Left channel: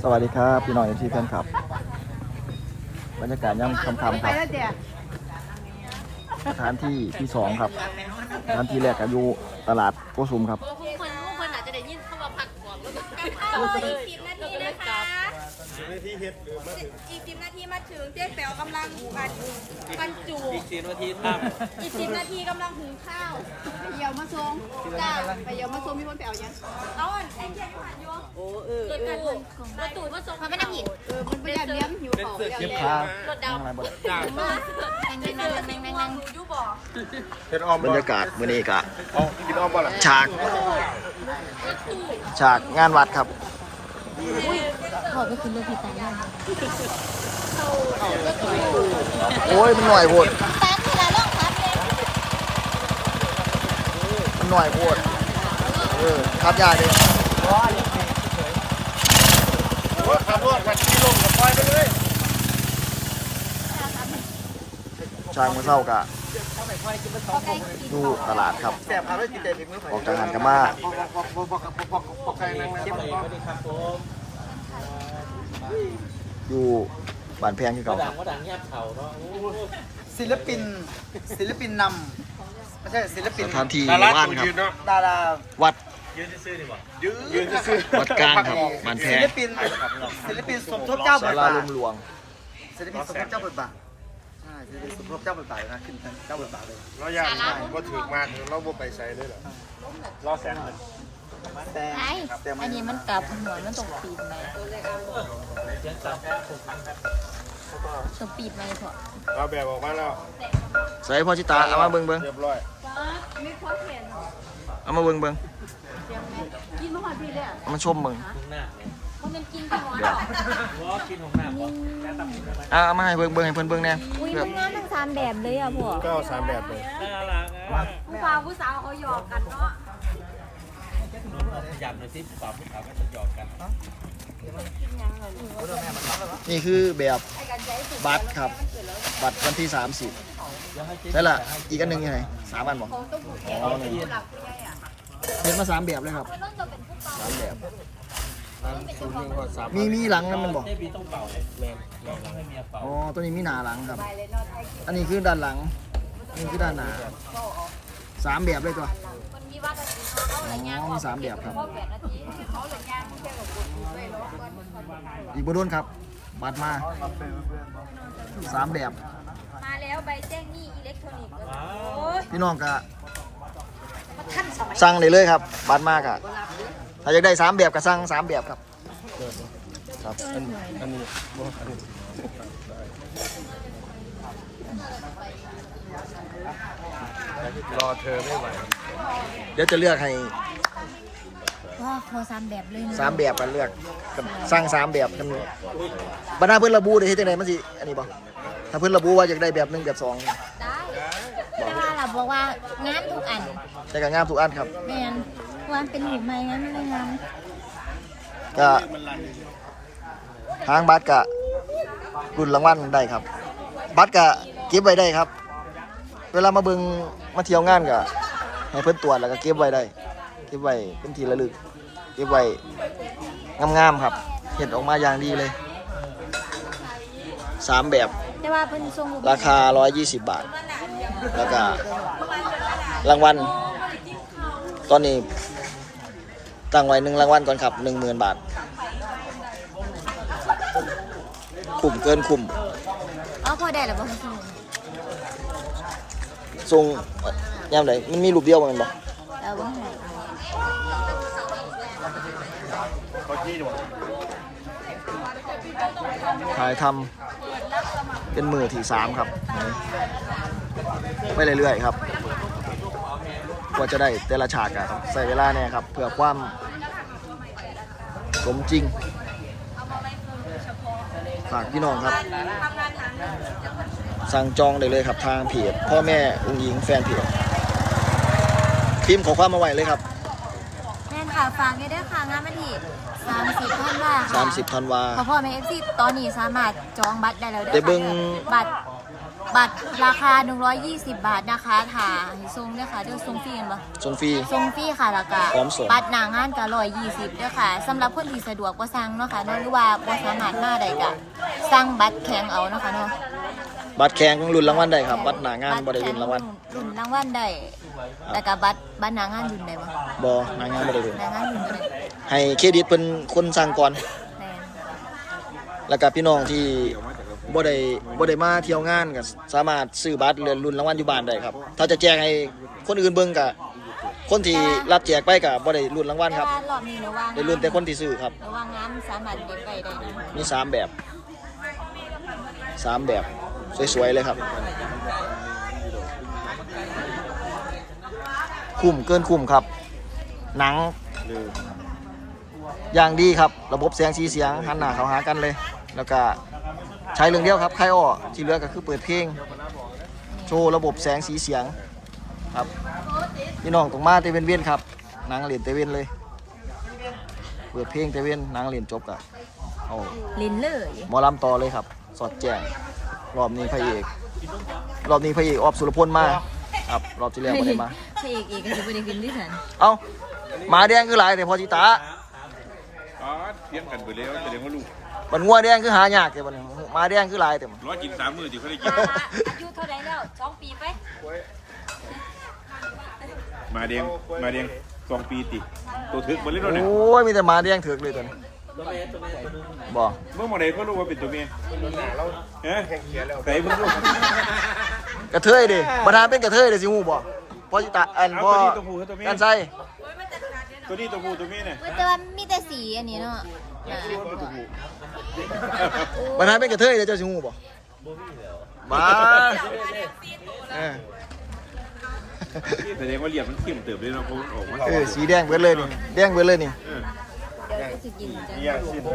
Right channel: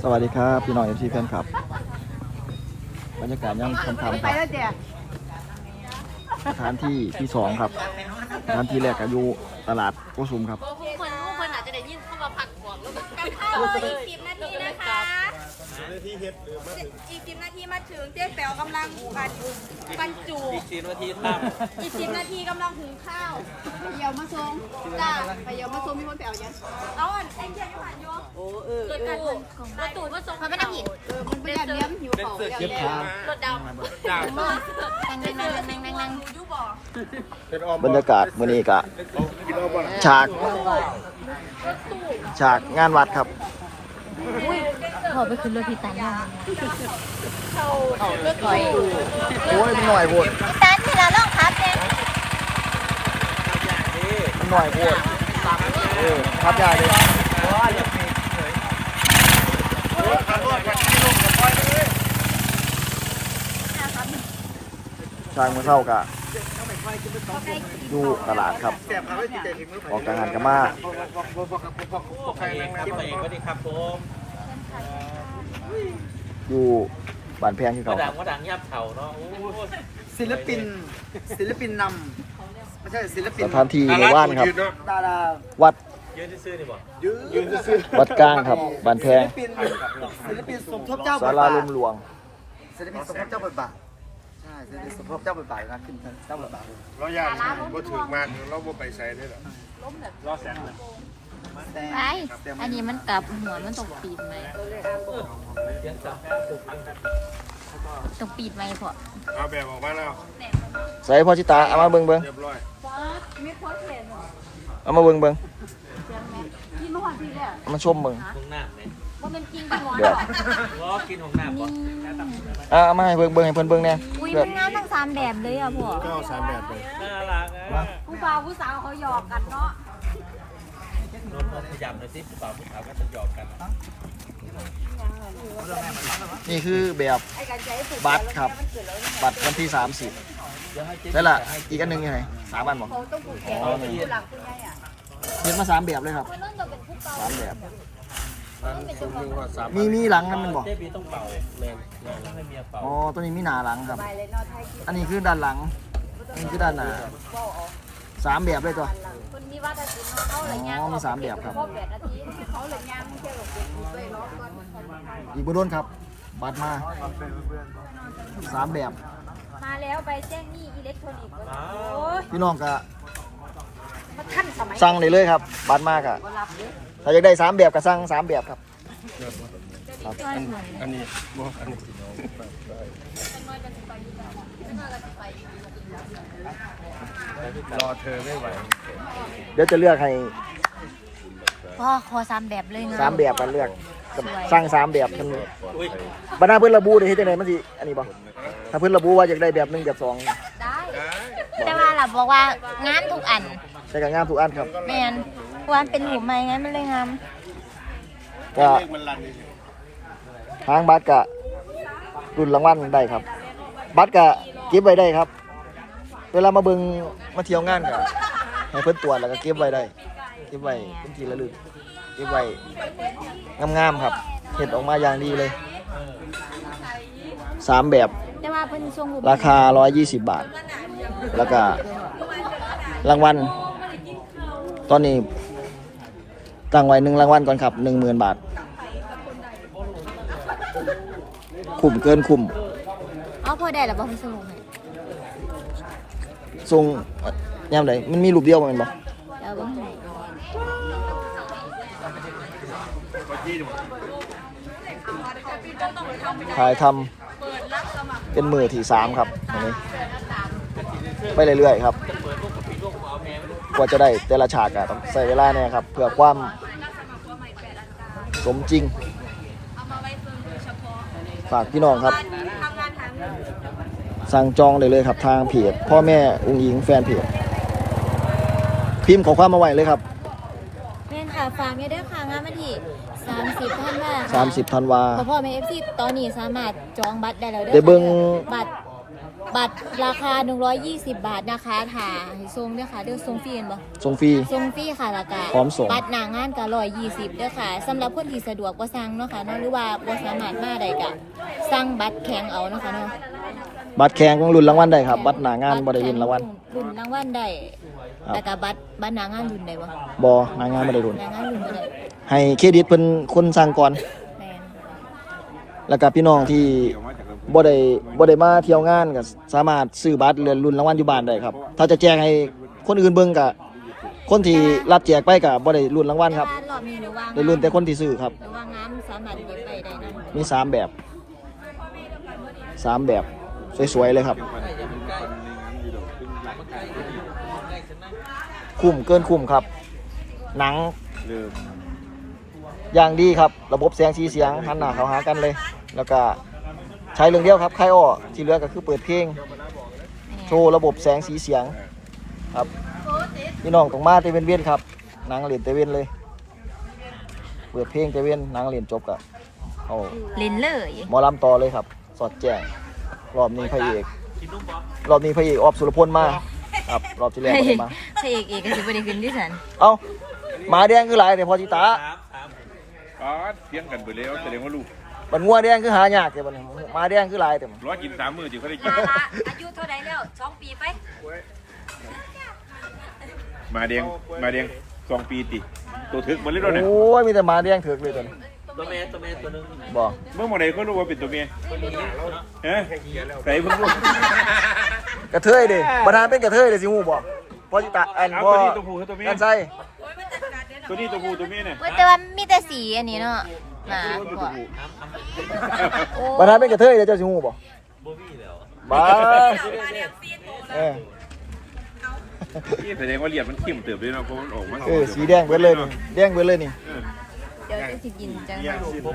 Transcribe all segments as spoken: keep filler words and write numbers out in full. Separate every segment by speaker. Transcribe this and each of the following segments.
Speaker 1: วัสดีครับพี่น้องเอฟซีแฟนคลับบรรยากาศย่ำค่ำๆครับสถานที่ที่สองครับสถานที่แรกก็อยู่ตลาดโกสุมครับ
Speaker 2: คนคนอาจจะได้ยินเข้ามาผักก่อนแล้วก็
Speaker 3: เข้าอีกสิบนาทีนะคะ
Speaker 4: สิบนาทีเฮ็ดหรือมาถึง
Speaker 3: อีกสิบนาทีมาถึงเจ๊แป๋วกำลังบรรบรรจุ
Speaker 4: อีกสิบนาทีตั้ม
Speaker 3: อีกสิบนาทีกำลังหุงข้าวเดี๋ยวมาส่งจ้าไปเดี๋ยวมาส่งมีคนแป๋วยังเอาอันไอ้เจี๊ยบยูหันยูโอ้เออเกิดการประตูมาส่งเขาไม่นั่งหินเออมันไม่ได้เลี้ยงหิวเขา
Speaker 1: เก็บทาง
Speaker 2: รถดาว
Speaker 4: ดาว
Speaker 3: นั่งนั่งนั่งนั่งนั่งนั่งยูบอก
Speaker 1: บรรยากาศมื้อนี้ก็ฉากฉากงานวัดครับ
Speaker 2: ขอไปขึ้นรถพี่สายงาน
Speaker 1: โอ้ยมันหน่อยโพดมันหน่อยโพดเออขับยากเลยช่างมือเศร้ากะอยู่ตลาดครับออกจากงานกันมาอยู่บ้านแพงที่เก่าครับ
Speaker 5: ศิลปินศิลปินนำไม่ใช่ศิลปิน
Speaker 1: สถานที่ในว่านครับ
Speaker 5: ดารา
Speaker 1: วัด
Speaker 4: ยืนซื้อนี่บ่
Speaker 5: ยืนซื้อ
Speaker 1: วัดกลางครับบ้านแพง
Speaker 5: ศิลปินศิลปินสมทบเจ้าบท
Speaker 1: ศา
Speaker 5: บา
Speaker 1: ลา
Speaker 5: ท
Speaker 1: ลุ่มหลวง
Speaker 5: ศิลปินสมทบเจ้าบทบาทใช่ศิลปินสมทบเจ้าบทบาทนะขึ้นเจ้าบทบาทเลย
Speaker 4: เราย่างบ่ถึงมากเราบ่ไปใส่เลยหรอรอแซง
Speaker 2: ไอ้อันนี้มันกลับหัวมันตกปีนไหมตกปีนไหมพอ
Speaker 4: เอาแบบออกมาแล้ว
Speaker 1: ใส่พ่อชิตาเอามาเบิ่งเบิ่ง
Speaker 4: เรียบร้อย
Speaker 1: เอามาเบิ่งเบิ่งเอามาชมเบิ่งแบบ
Speaker 2: กินของน้ำ
Speaker 1: อ่ะเอามาให้เบิ่งเบิ่งให้เพิ่นเบิ่งแน่
Speaker 2: อุ้ยมันงานทั้งสามแบบเลยอ่ะพ่อ
Speaker 4: ก็สามแบบเลย
Speaker 3: น่ารักอ่ะผู้ฟ้าผู้สาวเขาหยอกกันเนาะ
Speaker 4: พยายามเลยสิผู้สาวผู้สาวก็จะหยอกกัน
Speaker 1: นี่คือแบบบัตรครับบัตรวันที่สามสิบใช่ละอีกอันหนึ่งยังไงสามอันบอกอ๋อนี่เห็นมาสามแบบเลยครับสามแบบมีมีหลังนั่นมันบอกอ๋อตัวนี้มีหน้าหลังครับอันนี้คือด้านหลังอันนี้คือด้านหน้าสามแบบเลยตัวอ๋อมีสามแบบครับอีกบุโดนครับบัตรมาสามแบบ
Speaker 3: มาแล้วใบแจ้งหนี้อิเล็กทรอนิกส์
Speaker 1: พี่น้องก็สั่งได้เลยครับบัตรมากอะถ้าอยากได้สามแบบก็สั่งสามแบบครับครับ
Speaker 4: อันนี้บ่อันนี้รอเธอไม่ไหว
Speaker 1: เดี๋ยวจะเลือกให้
Speaker 2: พ่อขอสามแบบเลยนะ
Speaker 1: สามแบบกันเลือกสั่งสามแบบกันบรรดาเพื่อนระบุได้ที่ไหนมันสิอันนี้บ่ถ้าเพื่อนระบุว่าอยากได้แบบหนึ่งแบบสอง
Speaker 2: แต่ว่าเราบอกว่างานทุกอัน
Speaker 1: แต่ก็งามทุกอันครับ
Speaker 2: แมนวันเป็นหูไม้งั้นมันเลยงาน
Speaker 1: ก็ทางบัตรก็รุ่นรางวัลได้ครับบัตรก็เก็บไว้ได้ครับเวลามาเบิ่งมาเที่ยวงานก็ให้เพิ่นตรวจแล้วก็เก็บไว้ได้เก็บไว้เป็นที่ระลึกเก็บไว้งามๆครับเห็ดออกมาอย่างดีเลยสามแบบ
Speaker 2: แต่ว่าเพิ่นทรง
Speaker 1: ราคาหนึ่งร้อยยี่สิบบาทแล้วก็รางวัลตอนนี้ตั้งไว้หนึ่งรางวัลก่อนครับหนึ่งหมื่นบาทคุ้มเกินคุ้ม
Speaker 2: อ๋อพอได้แล้วบ่เพิ่นส่ง
Speaker 1: ส่งยามไหนมันมีรูปเดียวมั้งบ่
Speaker 2: แล้วบ่ให้
Speaker 1: ถ่ายทำเป็นมือที่สามครับอันนี้ไปเรื่อยๆครับกว่าจะได้แต่ละฉากอะต้องใส่เวลาเนี่ยครับเพื่อความสมจริงฝากพี่น้องครับสั่งจองเลยเลยครับทางเพจพ่อแม่อุ้งอิงแฟนเพจพิมพ์ขอความมาไว้เลยครับ
Speaker 2: แม่นค่ะฝากไว้ด้วยค่ะงานวันที่สามสิบธันวาค่ะ
Speaker 1: สามสิบธันวา
Speaker 2: พ่อพ่อแม่ เอฟ ซี ตอนนี้สามารถจองบัตรได้แล้วเด้อ
Speaker 1: ได้เบิ่ง
Speaker 2: บัตรบัตรราคาหนึ่งร้อยยี่สิบบาทนะคะถ่าให้ทรงด้วยค่ะเดี๋ยวทรงฟรีกันบ่
Speaker 1: ส่งฟรี
Speaker 2: ทรงฟรีค่ะแล้วก็
Speaker 1: พร้อมส่ง
Speaker 2: บัตรหน้างานก็ร้อยยี่สิบด้วยค่ะสำหรับคนที่สะดวกบ่สั่งเนาะค่ะเนาะหรือว่าบ่สามารถมาได้ก็สั่งบัตรแข็งเอาเนาะค่ะเนาะ
Speaker 1: บัตรแข่งของรุ่นรางวัลได้ครับบัตรหน้างานบ่ได้รุ่นรางวัล
Speaker 2: รุ่นรางวัลได้แล้วก็บัตรบัตรหน้างานรุ่นได้บ่
Speaker 1: บ่หน้างานบ่ได้รุ่น
Speaker 2: หน้างานรุ่นบ่ได้
Speaker 1: ให้เครดิตเพิ่นคนสั่งก่อน
Speaker 2: แม่น
Speaker 1: แล้วก็พี่น้องที่บ่ได้บ่ได้มาเที่ยวงานก็สามารถซื้อบัตรเรือนรุ่นรางวัลอยู่บ้านได้ครับ ถ้าจะแจกให้คนอื่นเบิ่งก็คนที่รับแจกไปก็บ่ได้รุ่นรางวัล
Speaker 2: แต่
Speaker 1: ครับ
Speaker 2: ว่ารอบนี้หนูว่าง
Speaker 1: ได้รุ่นแต่คนที่ซื้อครับ
Speaker 2: หนูว่างามสามารถเดินไปได้นะ
Speaker 1: มีสามแบบสามแบบสวยๆเลยครับ คุ้มเกินคุ้มครับ หนังอย่างดีครับ ระบบเสียงสีเสียงหันหน้าเข้าหากันเลย แล้วก็ใช้เรื่องเดียวครับใครอ้อที่เหลือก็คือเปิดเพลงโชว์ระบบแสงสีเสียงครับพี่น้องต้องมาเตเวนเวียนครับหนังเล่นเตเวนเลย เปิดเพลงเตเวนหนังเล่นจบกะเอา
Speaker 2: เล่นเลย
Speaker 1: หมอลำต่อเลยครับ สอดแจ้งรอบนี้พระเอกรอบนี้พระเอกออฟสุรพลมาครับรอบที่แล้วไม่ได้มา
Speaker 2: พระเอกเอกก็สิบ่ได้ขึ้นดิฉัน
Speaker 1: เอ้าหมาแดงคือหลายแต่พอจิตา
Speaker 6: อ๋อเที่ยงกันไปแล้วแสดงว่าลูก
Speaker 1: บันงัวแดงคือหายากแต่บัดนหมาแดงคือหลายแต่มัน
Speaker 6: ร้อยกินสามมือที่เขาได้กิน
Speaker 2: อายุเท่าไหร่แล้วสองปีไป
Speaker 6: มาเดียงมาเดียงสองปีติตัวถึกหมดเลย
Speaker 1: โอ
Speaker 6: เนี่ย
Speaker 1: ้ยมีแต่หมาแดงถือกเลยตัวนี้
Speaker 4: ตัวเมย์ตัวเมย์ตัวนึง
Speaker 1: บ่
Speaker 6: เมื่อเมื่อไหร่เขารู้ว่าเป็นตัวเมียเฮ้ยใส่เพิ่งรู้
Speaker 1: กระเทยดิประธานเป็นกระเทยเดี๋ยวสิฮู้บ่พอจิตาอันพ่อกันใส่
Speaker 6: ตัวนี้ตัวผู้ตัวเมียเนี่ย
Speaker 2: เว้ยแต่ว่ามีแต่สีอันนี้เนาะนะ
Speaker 1: ประธานเป็นกระเทยเดี๋ยวเจะสิฮู้บ่
Speaker 4: โบวี่แล้ว
Speaker 1: บ้าเออ
Speaker 6: แสดงว่าเหลี่ยมมันทิ่มเติบเลยนะคุณออกมา
Speaker 1: เออสีแดงเบิดเลยนี่แดงเบิดเลยนี่
Speaker 2: เดี๋ยวจะสิกินจัง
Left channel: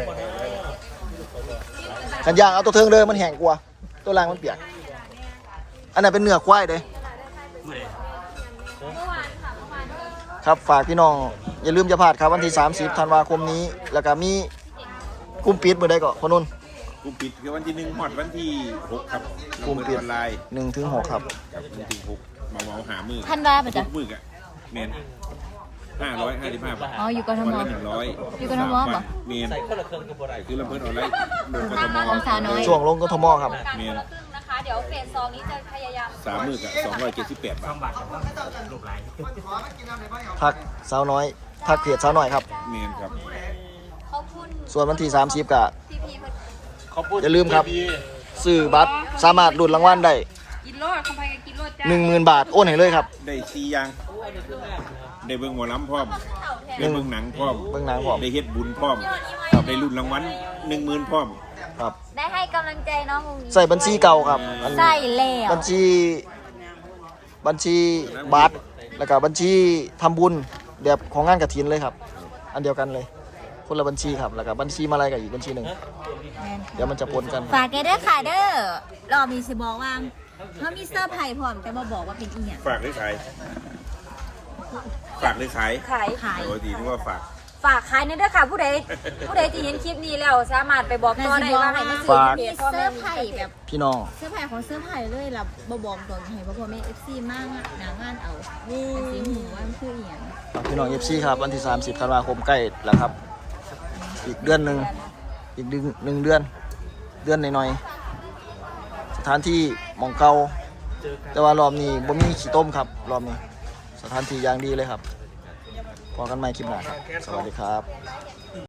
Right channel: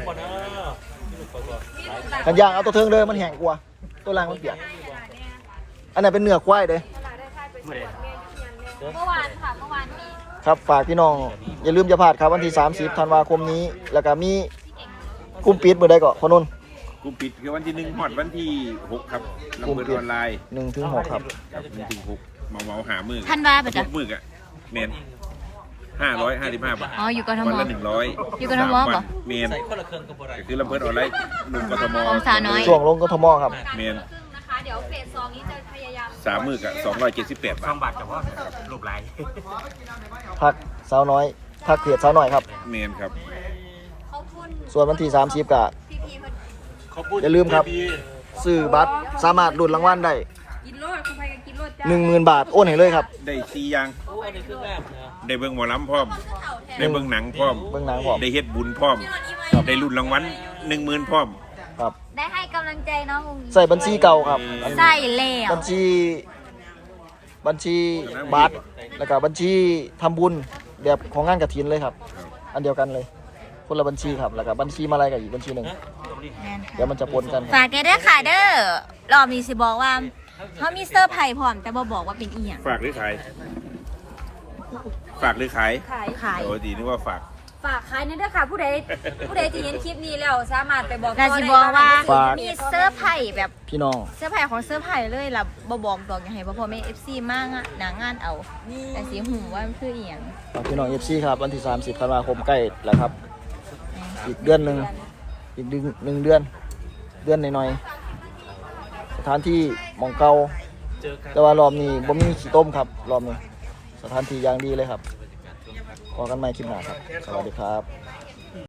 Speaker 1: ขันยางเอาตัวเทิงเด้อมันแห้งกว่าตัวล่างมันเปียกอันนั้นเป็นเนื้อควายเด้
Speaker 2: เมื่อวานค่ะเมื่อวานนี้
Speaker 1: ครับฝากพี่น้องอย่าลืมจะพลาดครับวันที่สามสิบธันวาคมนี้ แล้วก็มีกลุ่มปิดมื้อใดก็พอนุ่น
Speaker 6: กุมปิดคือวันที่หนึ่งหอดวันที่หกครับ
Speaker 1: กลุ่มปิด
Speaker 6: ออนไลน์
Speaker 1: หนึ่งถึงหกครับ
Speaker 6: หนึ่งถึงหกมาเมาหามือ
Speaker 2: ท่านว่าปะจ๊ะ
Speaker 6: มือกะเมนห้าร้อยห้าสิบห้าบาท
Speaker 2: อ๋ออยู่กทม
Speaker 6: วันละหนึ่งร้อย
Speaker 2: อยู่กทมเหรอ
Speaker 6: เมน
Speaker 4: ใส่คนละเครื่องกับโบราณ
Speaker 6: คือลำเพิดออนไลน์ลงกทม
Speaker 2: ของสาวน้อย
Speaker 1: ช่วงลงกทมครับ
Speaker 6: เมน
Speaker 2: นะคะเดี๋ยวเฟสสองนี้จะพยายาม
Speaker 6: สามมือกะสองร้อยเจ็ดสิบแปดบาท
Speaker 4: บาทเฉพาะรูปลาย
Speaker 1: พักสาวน้อยพักเขียดสาวน้อยครับ
Speaker 6: เมนครับ
Speaker 1: ส่วนวันที่สามสิบก็อย่าลืมครับซื้อบัตรสามารถลุ้นรางวัลได้
Speaker 3: กินโลดคนไทยก็กินโลดจ้า
Speaker 1: หนึ่งหมื่นบาทโอนให้เลยครับ
Speaker 6: ได้ชียาง
Speaker 4: โอ้อันนี้คืองามนะ
Speaker 6: ได้เบิ่งหมอลำพร้อม ได้เบิ่งหนังพร้อม
Speaker 1: เบิ่งหนังพร้อม
Speaker 6: ได้เฮ็ดบุญพร้อม ได้รุ่นรางวัลหนึ่งหมื่นพร้อม
Speaker 1: ครับ
Speaker 2: ได้ให้กำลังใจน้องอุ้งอิ๊ง
Speaker 1: ใส่บัญชีเก่าครับอัน
Speaker 2: ใส่แล้ว
Speaker 1: บัญชี บัญชีบัตรแล้วก็บัญชีทำบุญแบบของงานกฐินเลยครับ อันเดียวกันเลย คนละบัญชีครับแล้วก็บัญชีมาอะไรกับอีกบัญชีหนึ่ง
Speaker 2: แม่น
Speaker 1: เดี๋ยวมันจะปนกันครับ
Speaker 2: ฝากกันด้วยค่ะเด้อรอบนี้สิบอกว่าเขามีเซอร์ไพรส์พร้อมแต่บ่บอกว่าเป็นอีหยัง
Speaker 6: ฝากหรือขาย ฝากหรือขาย
Speaker 3: ขาย
Speaker 2: ขาย
Speaker 6: ปกตินึกว่าฝาก
Speaker 3: ฝากขายนี่ด้วยค่ะผู้ใดผู้ใดที่เห็นคลิปนี้แล้วสามารถไปบอก
Speaker 2: น่า
Speaker 3: ต่อ
Speaker 2: สิ
Speaker 3: ได้
Speaker 2: บอกว่า
Speaker 1: ฝาก
Speaker 2: มีเซอร์ไพรส์แบบ
Speaker 1: พี่น้อง
Speaker 2: เซอร์ไพรส์ของเซอร์ไพรส์เลยล่ะบ่บอกตรงให้เพราะพ่อแม่ เอฟ ซี มากอะหนางานเอาแต่สิหูว่ามันคืออีหยัง
Speaker 1: ฝากพี่น้องเอฟซีครับวันที่สามสิบธันวาคมใกล้แล้วครับ อีกเดือนหนึ่งอีกหนึ่งหนึ่งเดือน เดือนหน่อยๆสถานที่หมองเก่า
Speaker 4: เจอกัน
Speaker 1: แต่ว่ารอบนี้บ่มีขี้ต้มครับ รอบนี้สถานที่อย่างดีเลยครับพอกันใหม่คลิปหน้าครับ สวัสดีครับ